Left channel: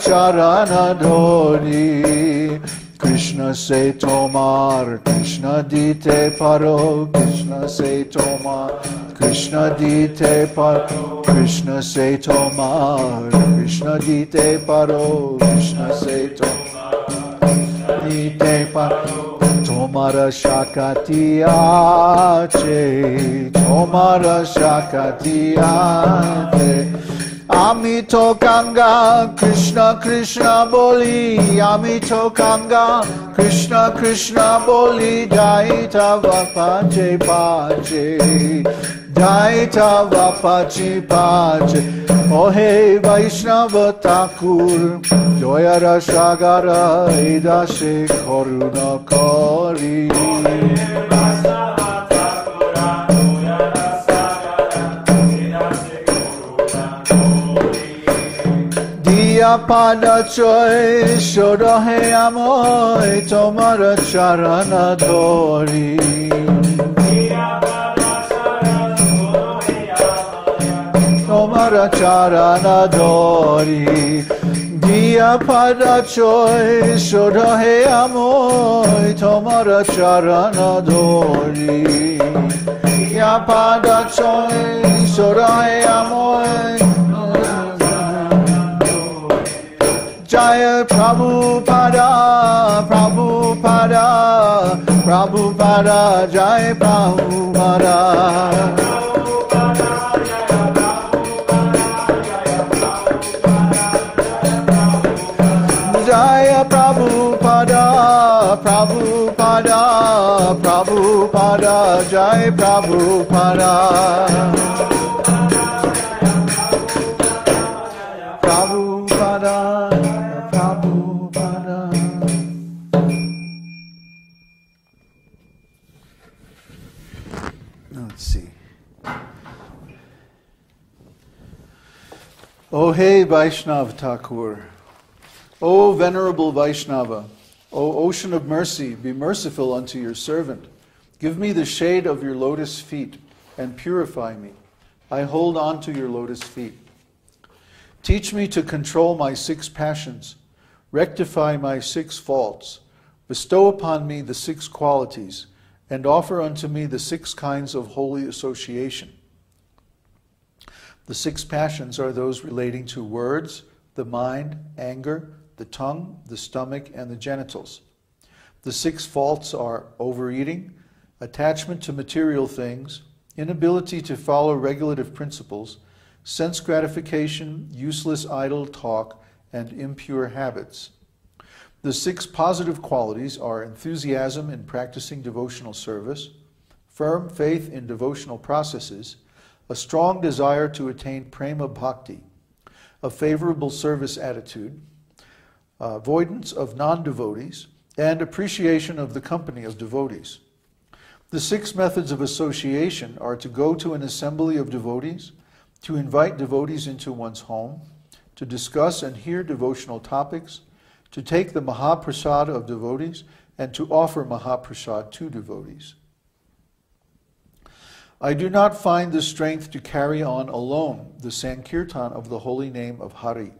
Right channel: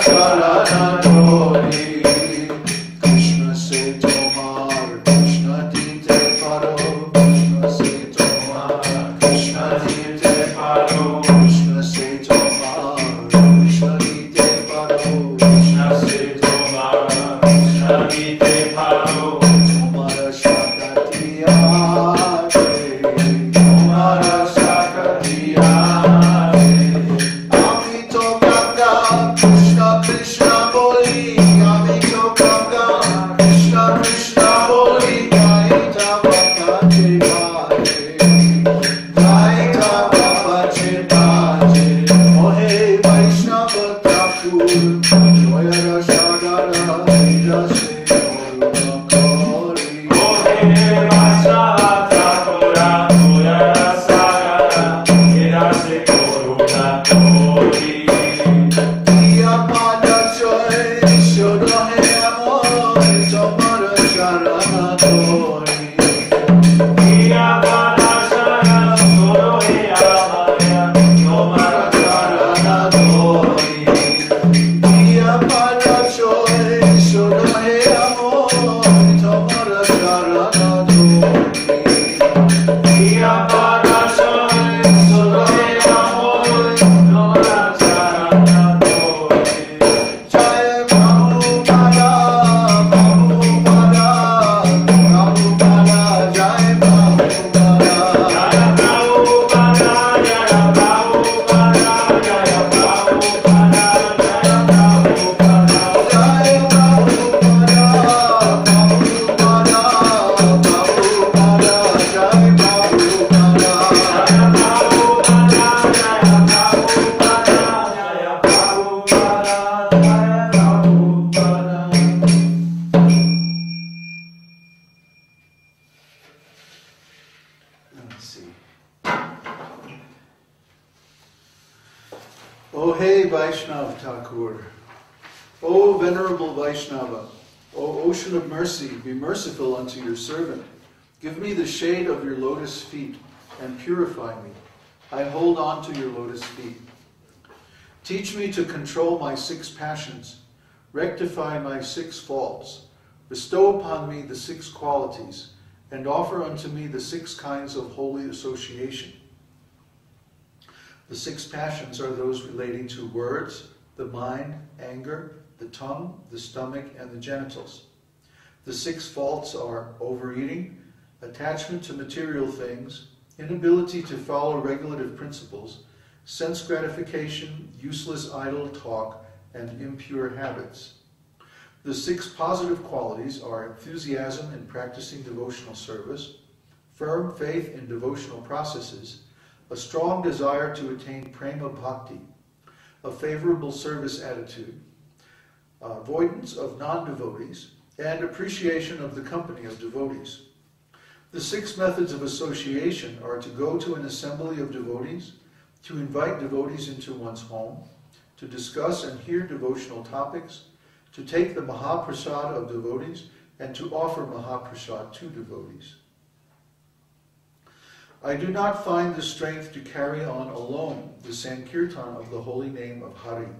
charana dori. Krishna se tomar, Krishna dite paro, Krishna se tomar, Krishna dite paro, Krishna se tomar, Krishna dite paro, Krishna se tomar, Krishna dite paro. Tomara shakatiyache, Tomara shakatiyache. Amito Ganga, Krishna Krishna boli, Amito Ganga, Krishna Krishna boli, Gaita vapache pache, Gaita vapache pache. Oh hey Vaishnava Thakur, Doyara Shagara Idase Koruna Kori. Oh hey Vaishnava Thakur, Doyara Shagara Idase Koruna Kori. Diya pada choy, shodohe amoy, tomara charana dori. Diya pada choy, shodohe amoy, tomara charana dori. Diya pada choy, shodohe amoy, tomara charana dori. Diya pada choy, shodohe amoy, tomara charana dori. Jaya Prabhupada, Prabhupada, Prabhupada, Jaya Prabhupada. Jaya Prabhupada, Prabhupada, Prabhupada, Jaya Prabhupada. Let's see. O hey Vaishnav Thakur, O venerable Vaishnava, O ocean of mercy, be merciful unto your servant. Give me the shade of your lotus feet and purify me. I hold on to your lotus feet. Teach me to control my 6 passions, rectify my 6 faults, bestow upon me the 6 qualities, and offer unto me the 6 kinds of holy association. The 6 passions are those relating to words, the mind, anger, the tongue, the stomach, and the genitals. The 6 faults are overeating, attachment to material things, inability to follow regulative principles, sense gratification, useless idle talk, and impure habits. The 6 positive qualities are enthusiasm in practicing devotional service, firm faith in devotional processes, a strong desire to attain prema bhakti, a favorable service attitude, avoidance of non-devotees, and appreciation of the company of devotees. The 6 methods of association are to go to an assembly of devotees, to invite devotees into one's home, to discuss and hear devotional topics, to take the Mahaprasad of devotees, and to offer Mahaprasad to devotees. I do not find the strength to carry on alone the Sankirtan of the holy name of Hari.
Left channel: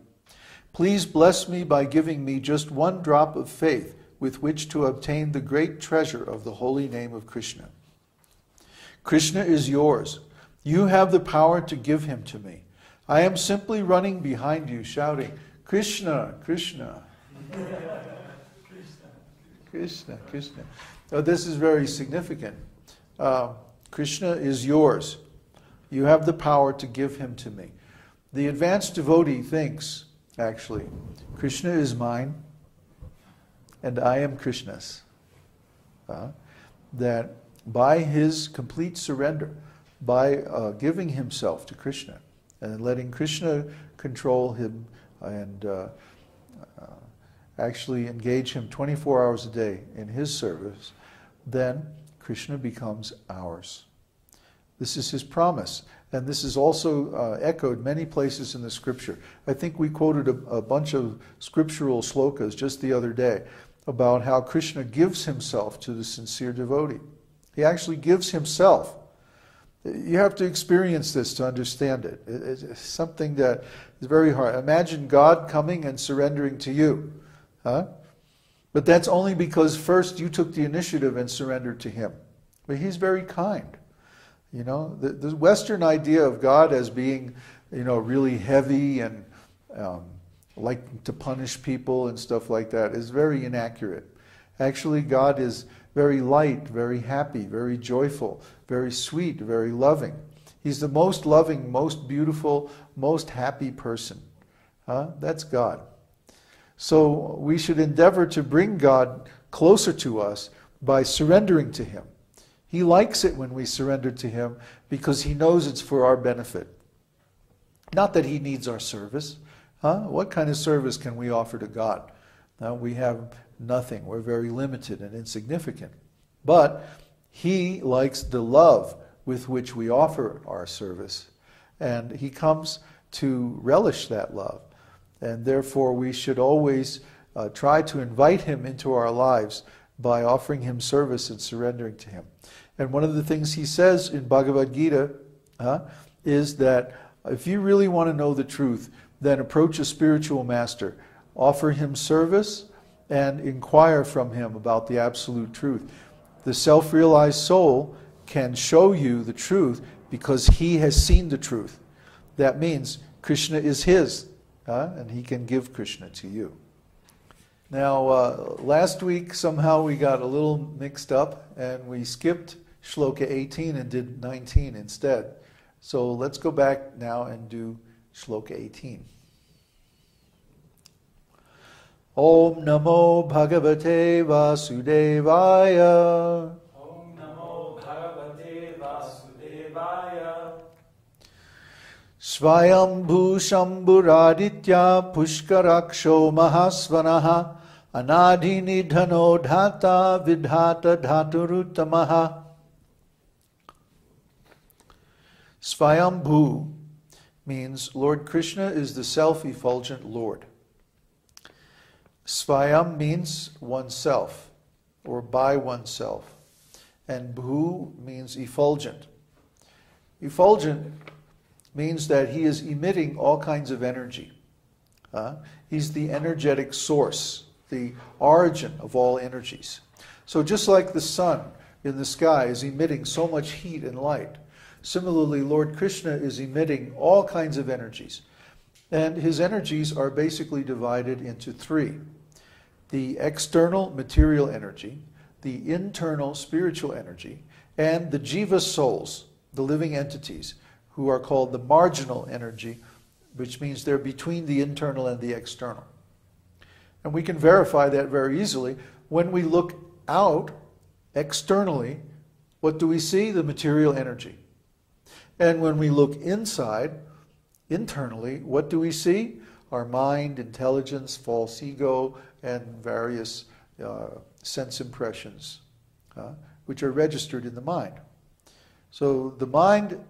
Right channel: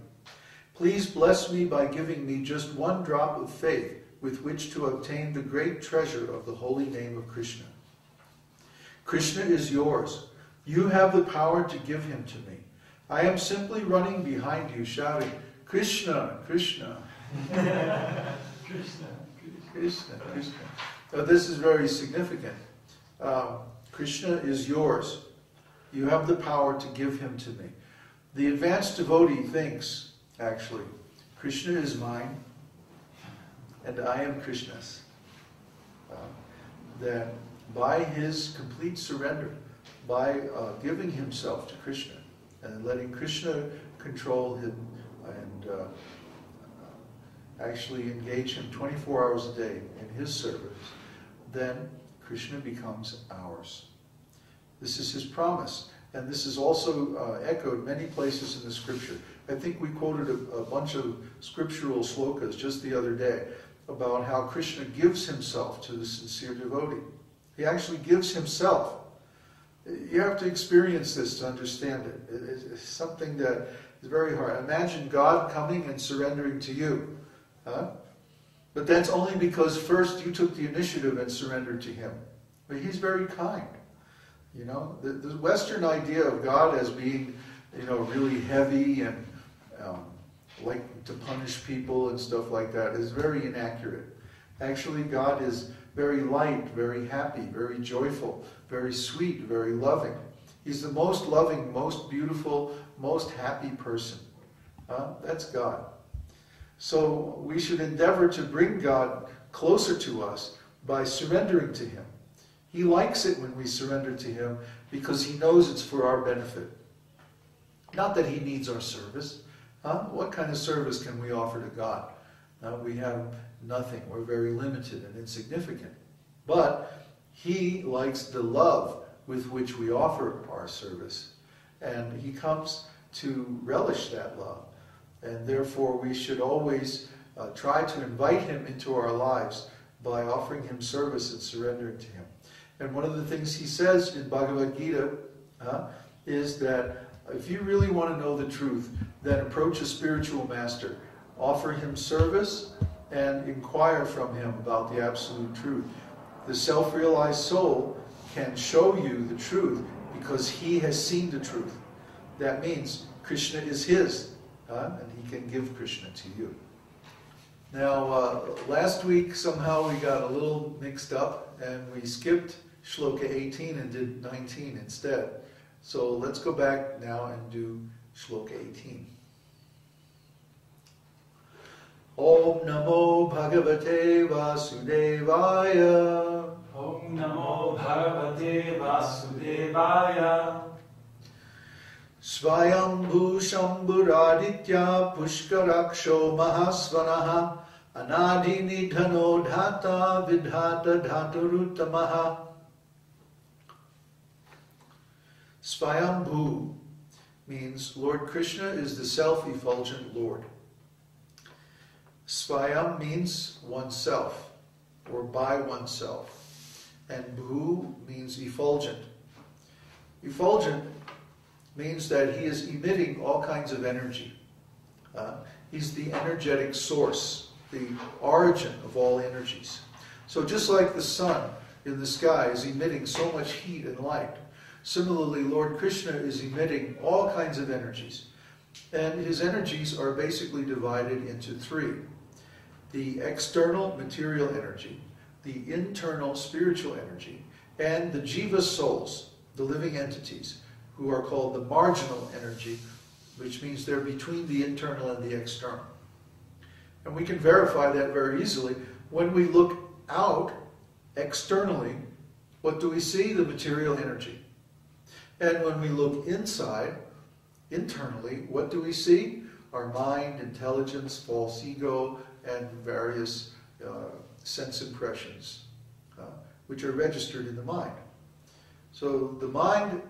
Please bless me by giving me just 1 drop of faith with which to obtain the great treasure of the holy name of Krishna. Krishna is yours. You have the power to give him to me. I am simply running behind you, shouting, Krishna, Krishna. Krishna, Krishna, Krishna. So this is very significant. Krishna is yours. You have the power to give him to me. The advanced devotee thinks, actually, Krishna is mine and I am Krishna's. That by his complete surrender, by giving himself to Krishna and letting Krishna control him and actually engage him 24 hours a day in his service, then Krishna becomes ours. This is his promise. And this is also echoed many places in the scripture. I think we quoted a bunch of scriptural slokas just the other day about how Krishna gives himself to the sincere devotee. He actually gives himself. You have to experience this to understand it. It's something that It's very hard. Imagine God coming and surrendering to you. Huh? But that's only because first you took the initiative and surrendered to him. But he's very kind. You know, the Western idea of God as being, you know, really heavy and like to punish people and stuff like that is very inaccurate. Actually, God is very light, very happy, very joyful, very sweet, very loving. He's the most loving, most beautiful, most happy person. That's God. So we should endeavor to bring God closer to us by surrendering to him. He likes it when we surrender to him because he knows it's for our benefit. Not that he needs our service. What kind of service can we offer to God? We have nothing. We're very limited and insignificant. But he likes the love with which we offer our service. And he comes to relish that love. And therefore we should always try to invite him into our lives by offering him service and surrendering to him. And one of the things he says in Bhagavad Gita is that if you really want to know the truth, then approach a spiritual master, offer him service, and inquire from him about the absolute truth. The self-realized soul can show you the truth because he has seen the truth. That means Krishna is his, and he can give Krishna to you. Now, last week somehow we got a little mixed up and we skipped Shloka 18 and did 19 instead. So let's go back now and do Shloka 18. Om Namo Bhagavate Vasudevaya. Om Namo Bhagavate Vasudevaya. Svayambhu Shambhuraditya Pushkaraksho Mahasvanaha Anadhi Nidhano Dhata Vidhata Dhaturutamaha. Svayambhu means Lord Krishna is the self-effulgent Lord. Svayam means oneself, or by oneself. And bhu means effulgent. Effulgent means that he is emitting all kinds of energy. He's the energetic source, the origin of all energies. So just like the sun in the sky is emitting so much heat and light, similarly Lord Krishna is emitting all kinds of energies. And his energies are basically divided into three. The external material energy, the internal spiritual energy, and the jiva souls, the living entities, who are called the marginal energy, which means they're between the internal and the external. And we can verify that very easily. When we look out externally, what do we see? The material energy. And when we look inside, internally, what do we see? Our mind, intelligence, false ego, and various sense impressions, which are registered in the mind. So the mind,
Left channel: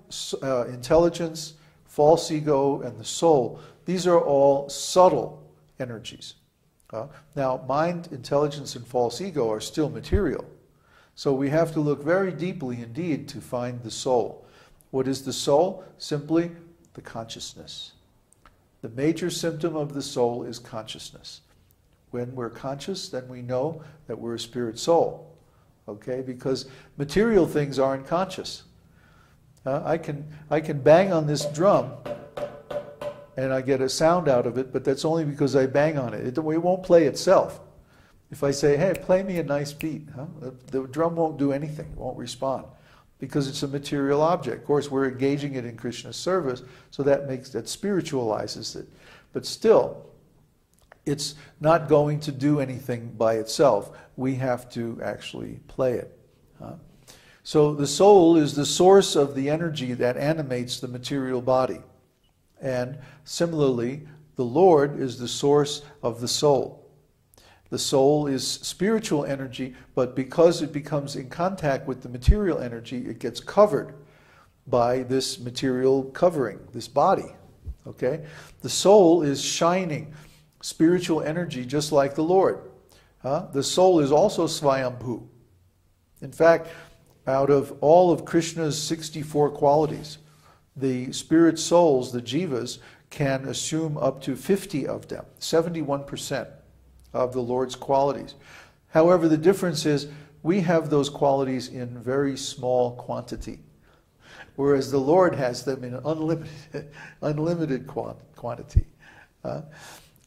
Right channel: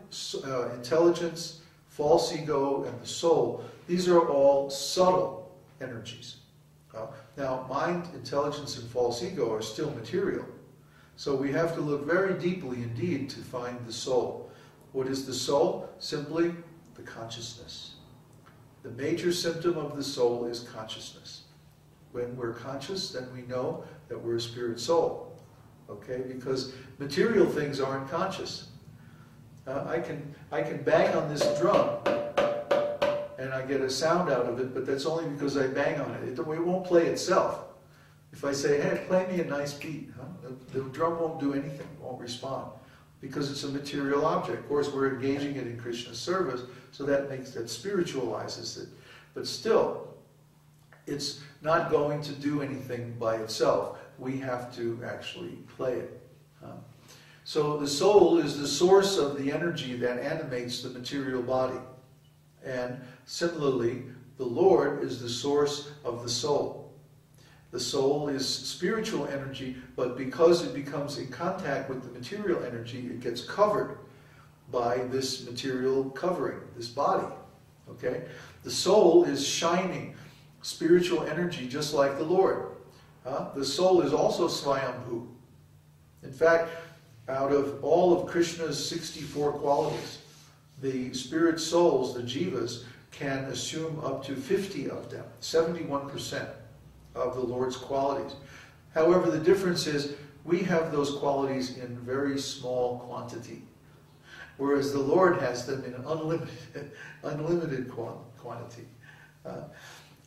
intelligence, false ego, and the soul, these are all subtle energies. Now, mind, intelligence, and false ego are still material. So we have to look very deeply indeed to find the soul. What is the soul? Simply the consciousness. The major symptom of the soul is consciousness. When we're conscious, then we know that we're a spirit soul. Okay? Because material things aren't conscious. I can bang on this drum and I get a sound out of it, but that's only because I bang on it. It won't play itself. If I say, hey, play me a nice beat, the drum won't do anything, won't respond, because it's a material object. Of course, we're engaging it in Krishna's service, so that spiritualizes it. But still, it's not going to do anything by itself. We have to actually play it. So the soul is the source of the energy that animates the material body. And similarly, the Lord is the source of the soul. The soul is spiritual energy, but because it becomes in contact with the material energy, it gets covered by this material covering, this body. Okay? The soul is shining spiritual energy just like the Lord. The soul is also Svayambhu. In fact, out of all of Krishna's 64 qualities, the spirit souls, the jivas, can assume up to 50 of them, 71% of the Lord's qualities. However, the difference is we have those qualities in very small quantity, whereas the Lord has them in unlimited quantity.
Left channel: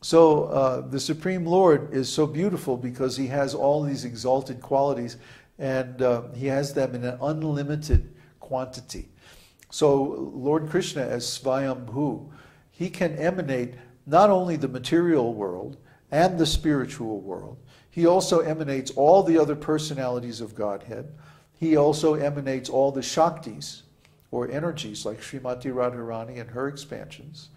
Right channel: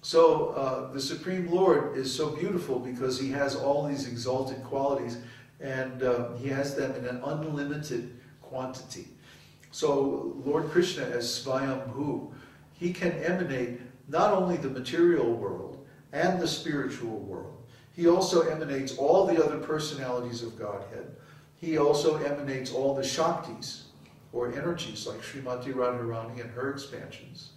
So the Supreme Lord is so beautiful because he has all these exalted qualities, and he has them in an unlimited quantity. So Lord Krishna, as Svayambhu, he can emanate not only the material world and the spiritual world, he also emanates all the other personalities of Godhead. He also emanates all the Shaktis, or energies, like Srimati Radharani and her expansions.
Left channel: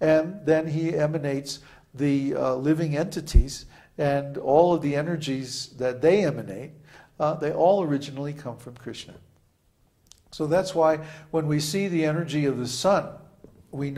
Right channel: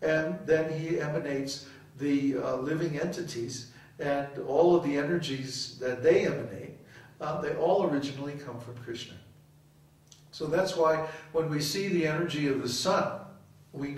And then he emanates the living entities, and all of the energies that they emanate, they all originally come from Krishna. So that's why when we see the energy of the sun, we know